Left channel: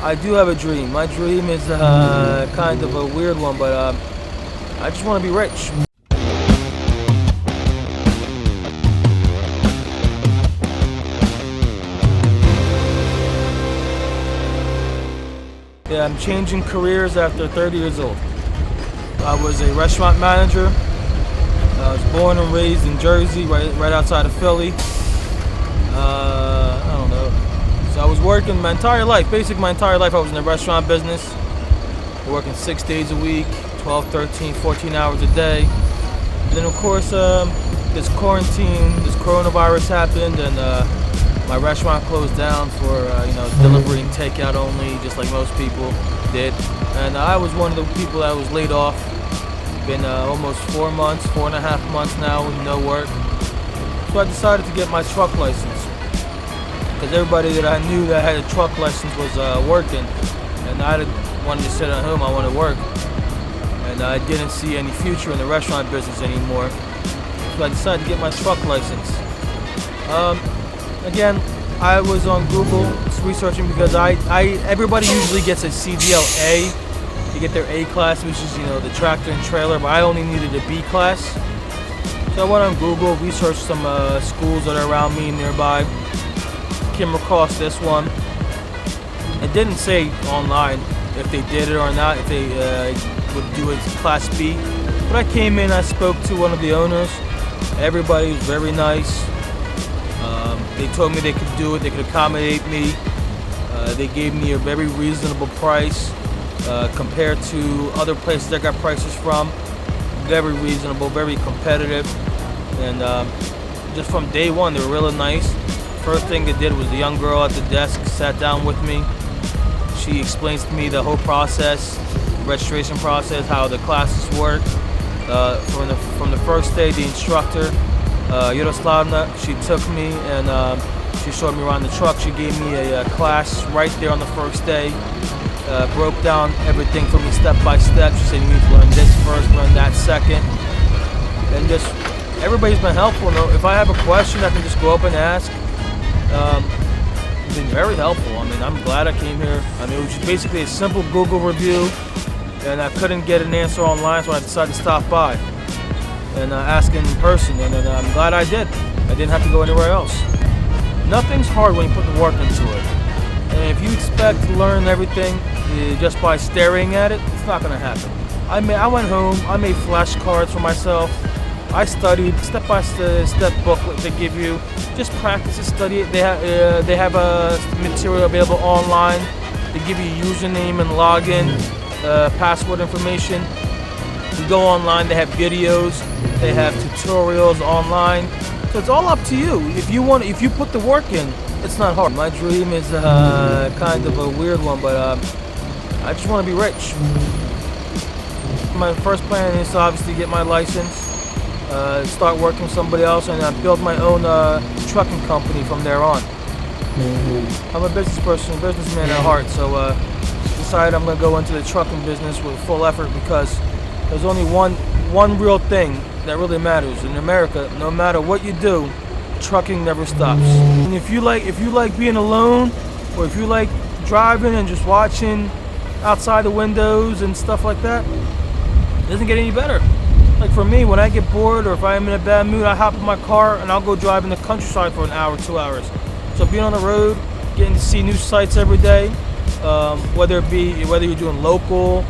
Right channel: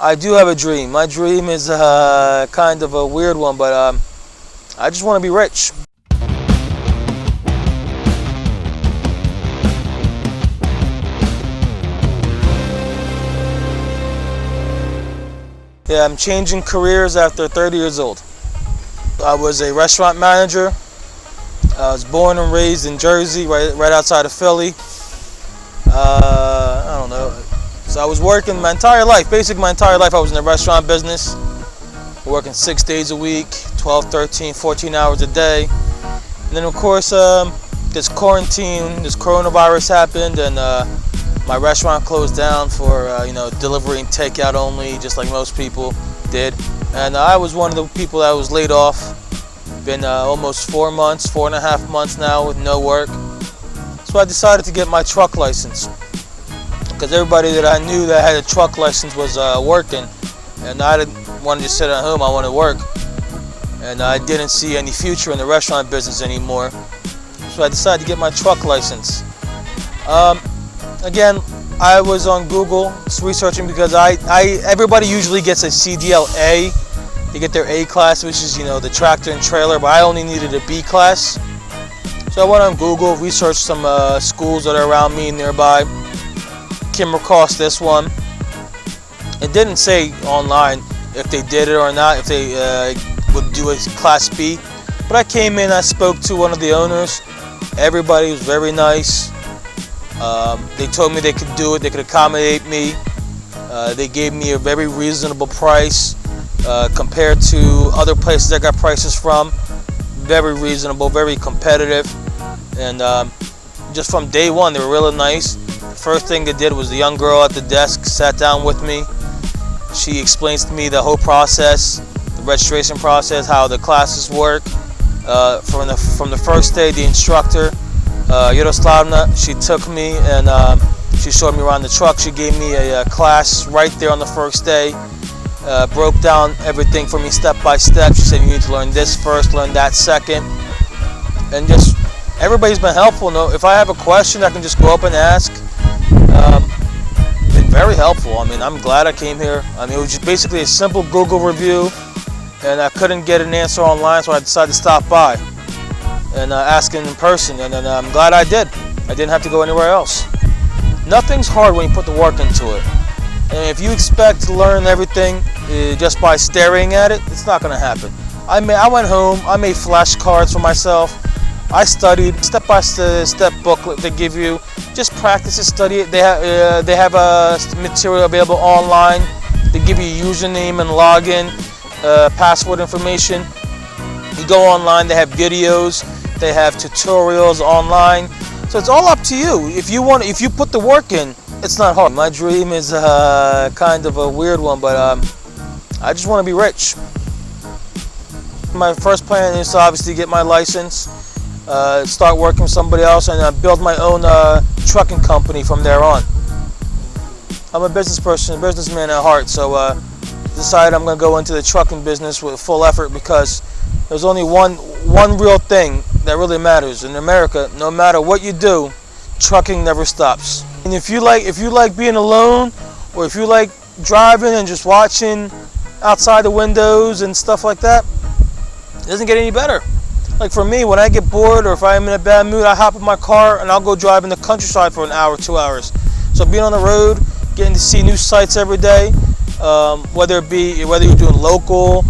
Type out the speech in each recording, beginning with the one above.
I do have a dream. My dream is kind of a weird one, but I just want to be rich. Yeah, I'm changing careers after 30 years old. I was a restaurant manager. I was born and raised in Jersey, right outside of Philly. I don't know. So I was working my entire life, basically my entire life I was in the restaurant business. Working 6 days a week, 12, 13, 14 hours a day. And then of course, this quarantine, this coronavirus happened, and my restaurant closed down for delivery and takeout only, just like most people did. And I was one of the people that was laid off. Been almost 4 months, 4.5 months now with no work. So I decided to get my truck license, because everybody that I knew that had a truck license was working, and I wanted to sit at home. I wanted to work, and I didn't see any future in the restaurant business anymore. So I decided to get my truck license. Again, I was on Google researching, because everybody usually gets a CDL A. You get their A class, which is the tractor and trailer, but I only needed a B class. So I went on Google, researched some schools that are around me nearby. Came across this one. It didn't say online if they did it or not, if they would do a class B. But I came in, I spoke to one of the owners. Everybody was very nice. They told me they could do it, they could accommodate me. They gave me a very reasonable price compared to other places I got prices from. Very reasonable, very competitive. And just from day one, they were really nice. First thing they did was the young girl at the desk sat down with me. She explains to me the whole process, the registration process, how the classes work. From the first day, the instructor, Yaroslavna, she took me and she showed me around the truck. She gave me a class right there on the first day. Broke down everything for me step by step. She said you need to learn this first, learn that second. And just everybody's been helpful. No, if I have a question, I can just go up and ask. Been very helpful. I mean, I'm glad I came here. I mean, it was just basically a simple Google review, and I couldn't get an answer online, so I decided to stop by and ask in person. And then I'm glad I did. I didn't have to go anywhere else. Nothing's hard when you put the work into it. And if you expect to learn everything just by staring at it, it's not going to happen. I went home, I made flashcards for myself. I studied step-by-step booklet they give you. Just practice and study it. They have material available online. They give you username and login, password information. You go online, they have videos, they have tutorials online. So it's all up to you. If you put the work in, it's not hard. My dream is kind of a weird one, but I just want to be rich. My first plan is to obviously get my license, start working with somebody else, and build my own trucking company from there on. I'm a businessman at heart, so decided I'm going to go into the trucking business with full effort, because there's only one real thing that really matters in America. No matter what you do, trucking never stops. And if you like being alone, or if you like driving and just watching outside the windows and stuff like that, it doesn't get any better. Like for me, when I get bored or if I'm in a bad mood, I hop in my car and I'll go drive in the countryside for an hour, 2 hours. So being on the road, getting to see new sights every day, whether you're doing local,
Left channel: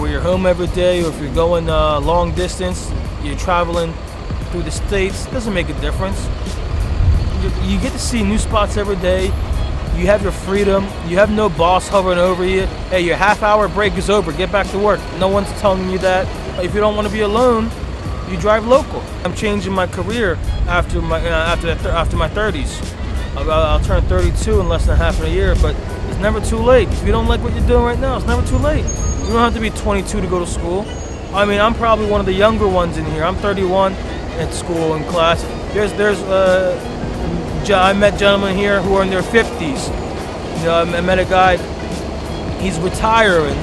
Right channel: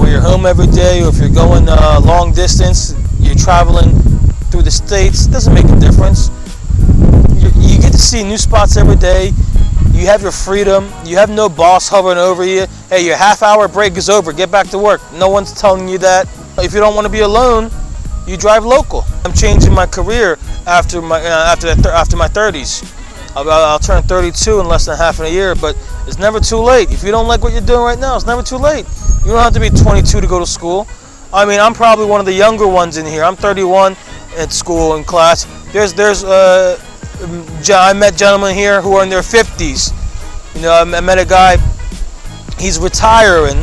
or you're home every day, or if you're going long distance, you're traveling through the states, it doesn't make a difference. You get to see new spots every day. You have your freedom. You have no boss hovering over you. Hey, your half-hour break is over. Get back to work. No one's telling you that. If you don't want to be alone, you drive local. I'm changing my career after my 30s. I'll turn 32 in less than half a year, but it's never too late. If you don't like what you're doing right now, it's never too late. You don't have to be 22 to go to school. I mean, I'm probably one of the younger ones in here. I'm 31 at school in class. I met gentlemen here who are in their 50s. You know, I met a guy, he's retiring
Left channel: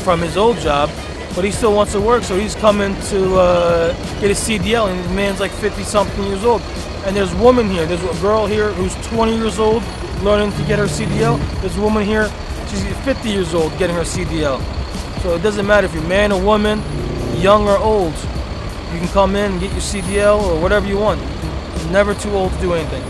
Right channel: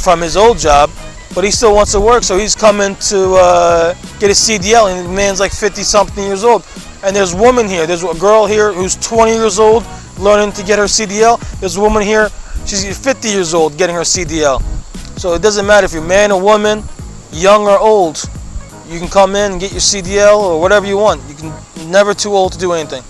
from his old job, but he still wants to work, so he's coming to get his CDL, and the man's like 50-something years old. And there's a woman here, there's a girl here who's 20 years old learning to get her CDL. There's a woman here, She's 50 years old getting her CDL. So it doesn't matter if you're man or woman, young or old. You can come in and get your CDL or whatever you want. You're never too old to do anything.